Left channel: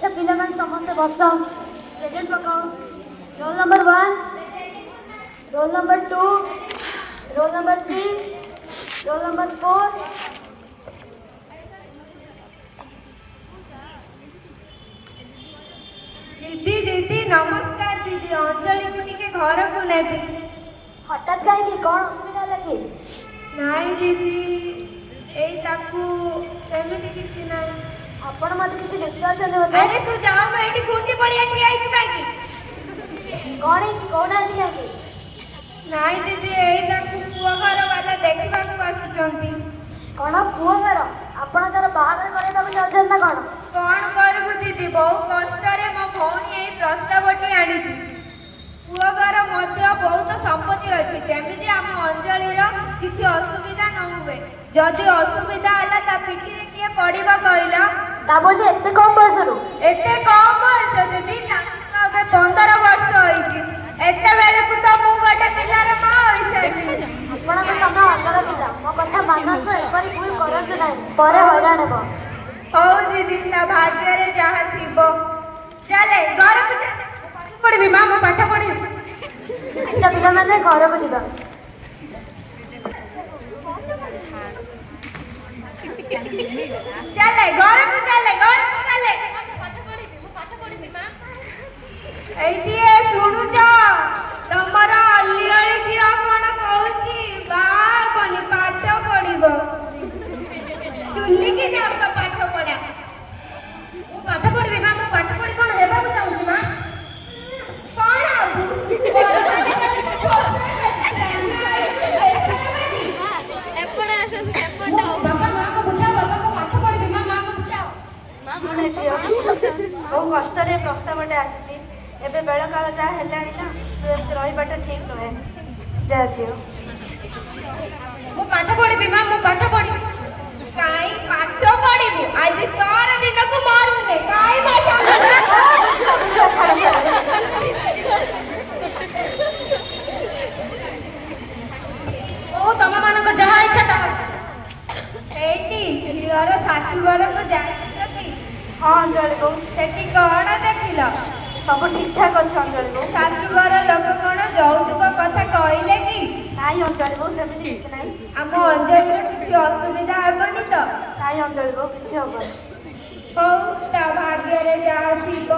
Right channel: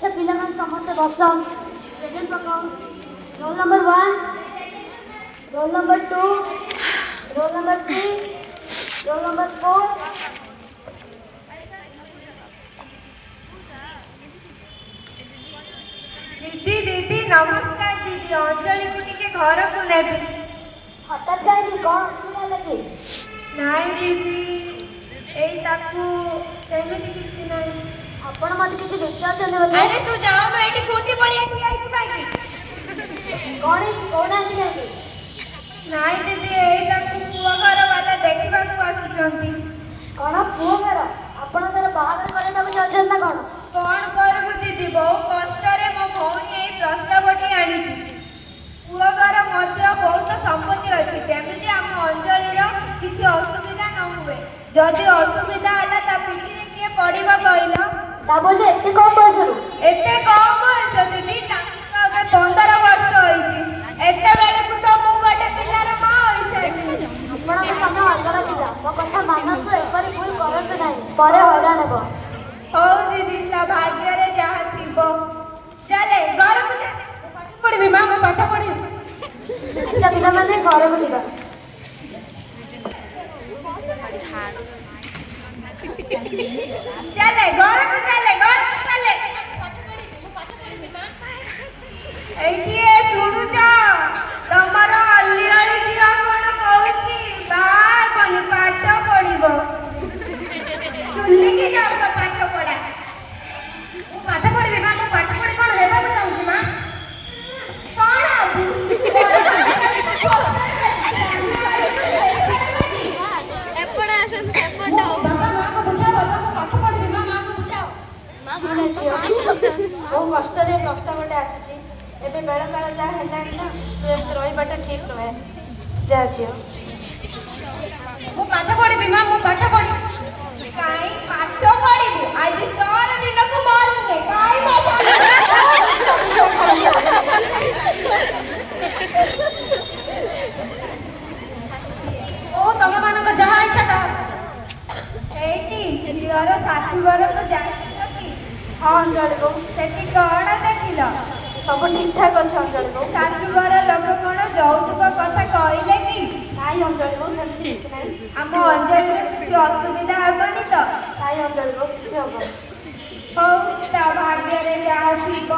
अच्छा पिलामान समस्त बस प्रेजेंट पकाओ। Roll number 1, roll number 2, roll number 3, roll number 4। दीदी दीदी नमस्कार दीदी अंजलि को टिके घर को नेबी। हठात कहीं कौन असुविधा लगे? नहीं दीदी एई ताकू सेमिति किछि नहीं। आपण मत किसी विचार चले बोले। अरे तू जाओ मैं एठी कुंडी पळिया ठिया आइछु काई की कौन है कौन आती है? नहीं दीदी एई ताकू पुआ घर वाले देखिबा को आसुचंती। कौन पुआ घर? आपण तार बाहागर करे तब चल ना कौन? कौन करबु दीदी बहुत कष्ट रे मो भौणी एई प्रस्तावटी आनिछि। पुआ घर मध्य बहुत संपत्ति अछि जेमिति हम अंजलि रो किछि असुविधा न हुए। जदि असुविधा हला ता पिठी रे किए पड़िबा कहला? ता बोले एते कम बयस रु? एते कम बयस दीदी ताको अबे 15 वर्ष होइछि। एते बेले को तो मु गोटे पिलार मां होइसे। आपण को समा अगर पिला मो कथा मानन तो एकबार भूल करत नाही परे हैरान हेबो। हो दीदी ता भाग्य रे जहा थिबो। चले घर को चले पाठ पढिबी मां मु पाठ पढिबी। अच्छा पिला माने घर को दिबा। चले घर को चले एठी सुनु जा तमर अल्ली अली जिया कोन कहूची बाय बनी पाठ पढिबो। तुल्ली की जाऊ तो पाठ पढा। मु पाठ पढिबी मां मु पाठ पढि कोन हेबा को चाहूची मां। कोन आबू एपडा आसे एपडा बाबा मां को बुझाओ बाबा को पाठ पढिबी मां मां को बुझाओ। ओ कष्ट रे प्रस्तावटे आसी एबे बेला काल जा हेलानी ना रहिबाटा ठीक नहे। जा जियो मु पाठ पढिबी मां मु पाठ पढिबी। काई पाठ पढिबू आज तोर दिन को मारने काई मजा। ओ तम मान को जहा इच्छा तो एटी झियर सासु घर को जाई। हां अंजलि को सेठी कोन देखिलो? सब ठीक ठाक अछि अंजलि को। सासु घर लोक कोन यौतुक कथा कहले कि? नाई अंजलि को सेମିତି କିଛି ନାହିଁ। ଆମ ଅଞ୍ଜଳିର କିଛି ଅସୁବିଧା ହେବନି ତ? ନାଇ अंजलि को କିଛି ହବନି। ହଉ ତା ଭାଗ୍ୟରେ ଯାହା ଥିବ।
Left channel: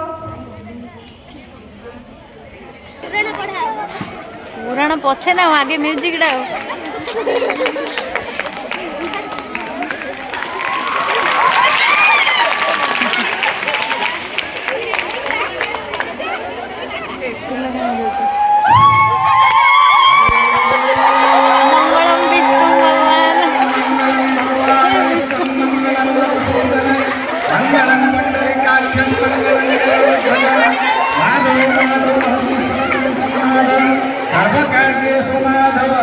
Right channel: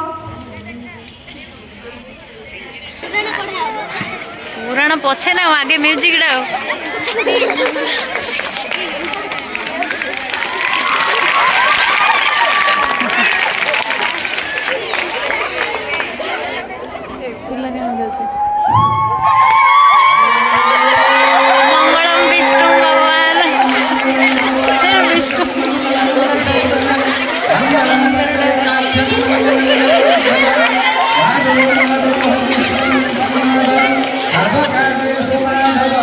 पुराण पछे ना आगे म्यूजिक डा मंगलम विष्णु भगवान विष्णु सर्वकार्येषु माधव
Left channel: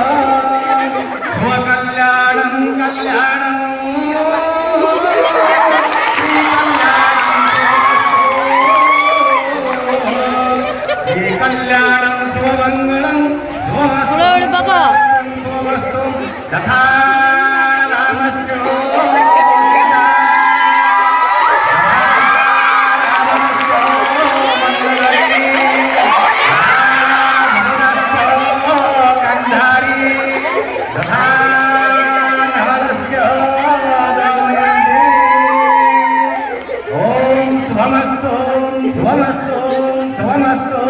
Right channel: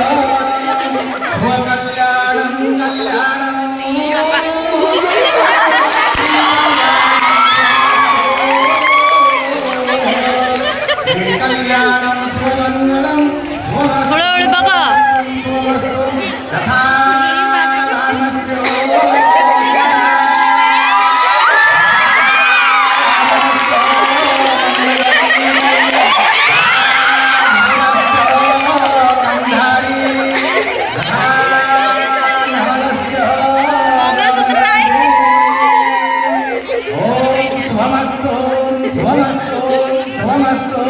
स्वकल्याणं कल्याणं कल्याणं स्वमङ्गलं स्वमस्तु तथा रामस्य स्वमस्तु स्वमस्तु स्वमस्तु।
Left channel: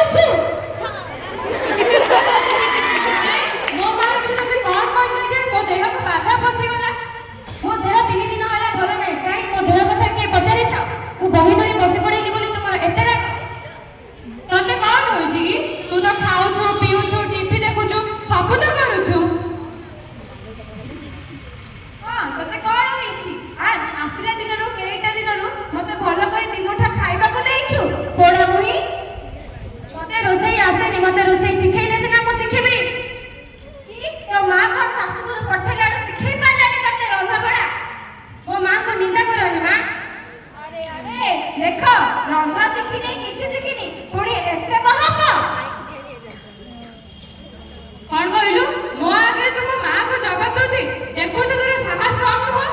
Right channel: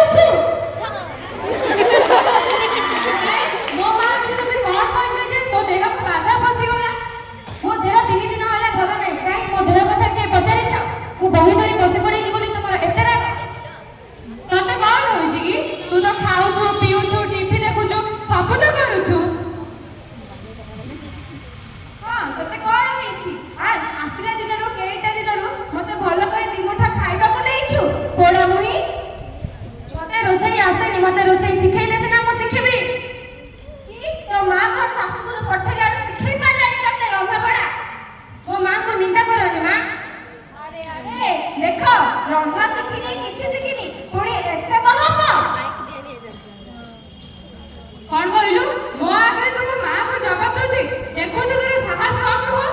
କହୁଛୁ? ମୋ ମା ତତେ କଣ କହିଲେ ଯେ ମୋ ଦେହକୁ ବାଧା ପଶିଗଲା? ମୋ ଦେହ 3 ଦିନ ହେଲା ଭଲ ନାହିଁ। କାହିଁ ମୋ ଦେହ କଥା କିଏ ପଚାରିଛ? ମୁଁ ବହି ଧରି ବସି ପଡିଲି ବୋଲି ତମର ଏତେ ରାଗ? ତତେ କଣ ହଉଛି କି? ତୁ ତ ଖାଉଛୁ, ପିଉଛୁ, ଟିଭି ଦେଖୁଛୁ, ସବୁ ତ କରୁଛୁ। ହଁ, ତତେ କଣ ହେଇଛି? ଆସିଲା ଦିନରୁ କେଇଟା ଦିନରୁ ମତେ ଭଲ କରି 2 ମୁଠା ଖାଇବାକୁ ଦେଇଛୁ। ପୋଡ଼ା ମୁହିଁ, ମତେ ରୋଷେଇ ଆସେନି। ମତେ ରୋଷେଇ ଶିଖେଇଲେ ସିନା ମୁଁ ଶିଖିବି। ତୋ ମା କଣ ଶାଶୁଘରୁ ପଠେଇଲା ଆଡୁ ଶିଖେଇ ପାରିଲାନି ତତେ ରନ୍ଧାବଢା? ମୋ ମାଙ୍କୁ ନିନ୍ଦା କରନି ମା। ଆରେ ଆରେ ଦେଖ, ରନ୍ଧା ଶିଖିନି, କିଛି ଶିଖିନି, ପୁଣି ଏତେ ମହାପ। କଣ କହିଲୁ? ମୋ ଆଗରେ ତୁ ମୋ ମାକୁ ଜବାବ ଦଉଛି? ଦେଖୁ ତୁ ତୋର ସାହସ କମ ନୁହଁ?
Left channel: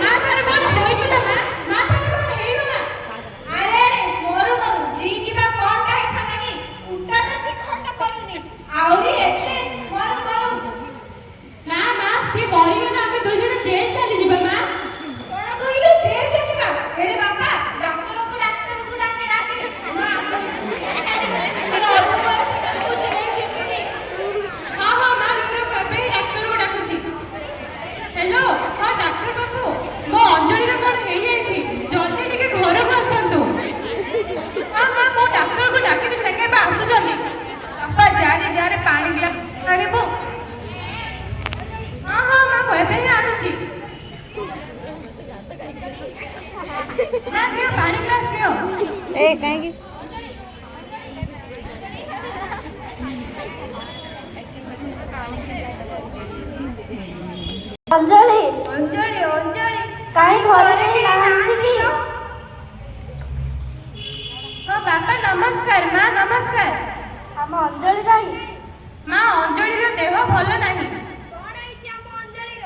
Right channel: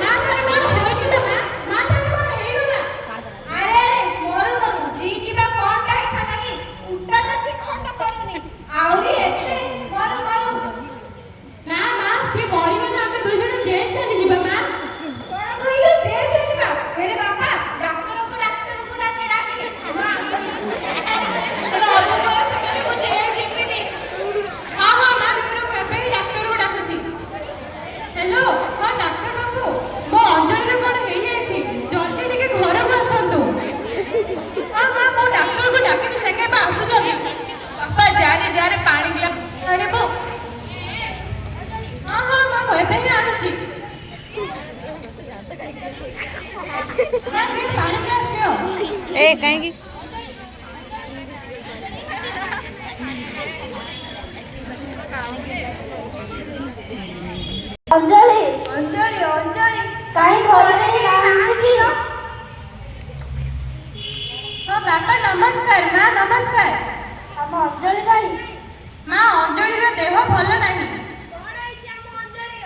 ମା ତାର କଣ ହୋଇଥିଲା? ମା ତାର କଣ ହେଇଗଲା? ଆରେ ଆରେ ମୋର ଜି କିବା କଣଟା ହେଇଥାନ୍ତା କି? ଉଠା ତ ଖଣ୍ଡ କରୁନି, ଆହୁରି ଏତେ ମରୁ ମରୁ। ନା ମା, ସେ ମରିଗଲେ ଆମେ 2 ଜଣ ଜେଲ ଚାଲିଯିବା। ମା କଣ କହିଲୁ? ଜେଲ ଚାଲିଯିବା? ଆରେ ବାପା, ଡାକ୍ତରକୁ ଡାକେ ଡାକେ। ମା ଅଳ୍ପ ବୟସ ମୁଁ ଜେଲ ଯିବିନି। ହଁ ହଁ ମା, ଏବେ ଡାକ୍ତରକୁ ଡାକୁଛି। ହ୍ୟାଲୋ, ହଁ ଡାକ୍ତର ବାବୁ, ମୋ ଅଞ୍ଜଳିର କଣ ହେଇଯାଇଛି? ଜଲ୍ଦି ଟିକେ ଘରକୁ ଆସନ୍ତୁ। ହଁ ହଁ, ମୁଁ ଡାକ୍ତରକୁ ଡାକିକି ଦେଖେ, ଏବେ ଆସୁଛନ୍ତି। ବାପା ଯାରେ ପାଣି ଗ୍ଲାସ ଆଣିବୁ। ହଁ ହଁ ମା, ମୁଁ ଏବେ ହିଁ ଆଣୁଛି। ନିଅ ପାଣି ଗ୍ଲାସ ନିଅ। ଏ କାହିଁକି ଅଞ୍ଜଳି, ଅଞ୍ଜଳି ଅଞ୍ଜଳି କାହିଁ ଘରେ କେହି ନାହାନ୍ତି ନାହାନ୍ତି? ତ? ହଁ ବାପା ନମସ୍କାର। ମା ନମସ୍କାର। ଆମ ଅଞ୍ଜଳି କାହିଁ? ମା ଅଞ୍ଜଳିର ଦେହ ଭଲ ନାହିଁ। କଣ ହେଇଛି ଆମ ଅଞ୍ଜଳିର?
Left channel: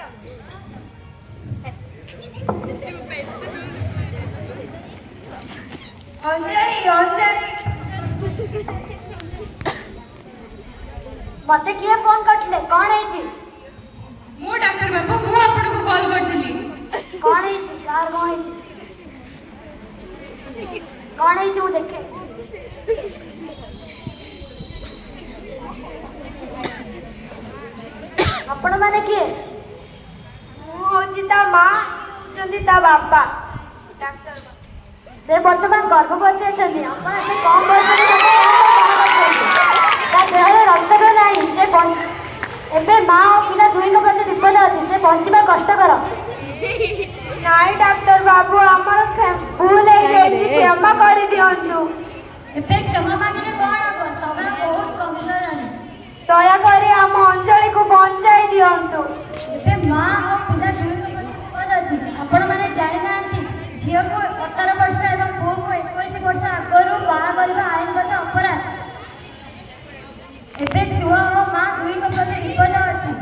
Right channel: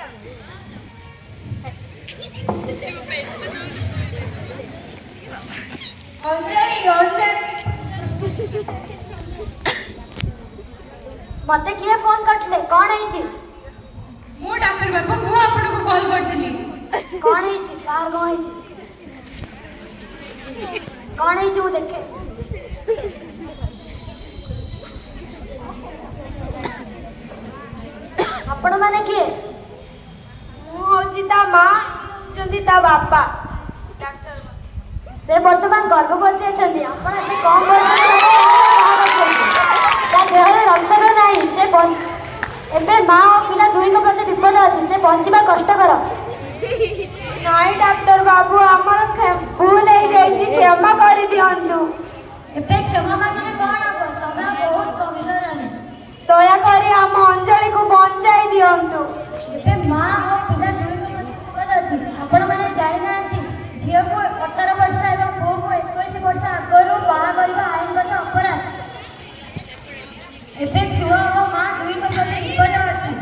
ଅଞ୍ଜଳି ଅଞ୍ଜଳି ମତେ କିଏ ଫୋନ କରିଥିଲେ? କଣ ହେଇଛି? ମୁଁ ଡାକ୍ତର ବାବୁ, ମୁଁ ଆପଣଙ୍କୁ କଲ୍ କରିଥିଲି। କଣ ହେଇଛି? କାହାର କଣ ହେଇଛି? କଣ ହେଇଛି ମୁଁ ଦେଖେ। ଆପଣ ମାନେ କିଏ? ମୁଁ ହଉଛି ତା ମା, ହଉଛନ୍ତି ତା ବାପା। ସେ ବର୍ତ୍ତମାନ ଗର୍ଭବତୀ ଅଛନ୍ତି। ଆପଣ ଏବେ କଣ କରୁଛନ୍ତି? ତା ଦେହରେ ରକ୍ତ ନାହିଁ। ଏବେ ମା ଓ ପିଲା 2ଙ୍କ ପ୍ରତି ବିପଦ ଅଛି। ସେ ବଞ୍ଚିବା କଷ୍ଟକର। ନାଇଁ ଡାକ୍ତର ବାବୁ, ଆମର ଭୁଲ ହେଇଯାଇଛି, କ୍ଷମା କରିଦିଅନ୍ତୁ। ଏବେ କ୍ଷମା ମାଗିଲେ କଣ ହବ? ସମୟ ବହୁତ କମିଗଲାଣି। ଦୟାକରି ଆମ ଅଞ୍ଜଳିକୁ ବଞ୍ଚାଇ ଦିଅନ୍ତୁ। ଏବେ ମା ଓ ପିଲା 2ଙ୍କ ପ୍ରତି ବିପଦ ଅଛି। ଆପଣମାନେ ଜାଣିନାହାନ୍ତି, ଝିଅକୁ 18 ବର୍ଷ ଏବଂ ପୁଅକୁ 21 ବର୍ଷ ଆଗରୁ ବାହା କରିବା ଆଇନଗତ ଅପରାଧ। ଏବେ ଛୁଆ ଓ ମା 2ଙ୍କ ପ୍ରତି ବିପଦ ଅଛି।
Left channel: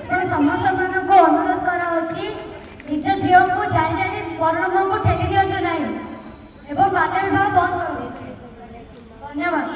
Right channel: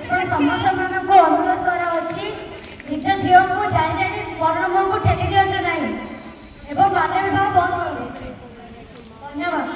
ଆପଣ ସମସ୍ତମାନଙ୍କୁ ଅନୁରୋଧ କରାଯାଉଛି, ନିଜ ଝିଅକୁ ଜାଣି ଜାଣି ମରଣ ମୁହଁକୁ ଠେଲି ଦିଅନ୍ତୁ ନାହିଁ ଏବଂ ବାଲ୍ୟ ବିବାହ ବନ୍ଦ କରନ୍ତୁ। ଧନ୍ୟବାଦ।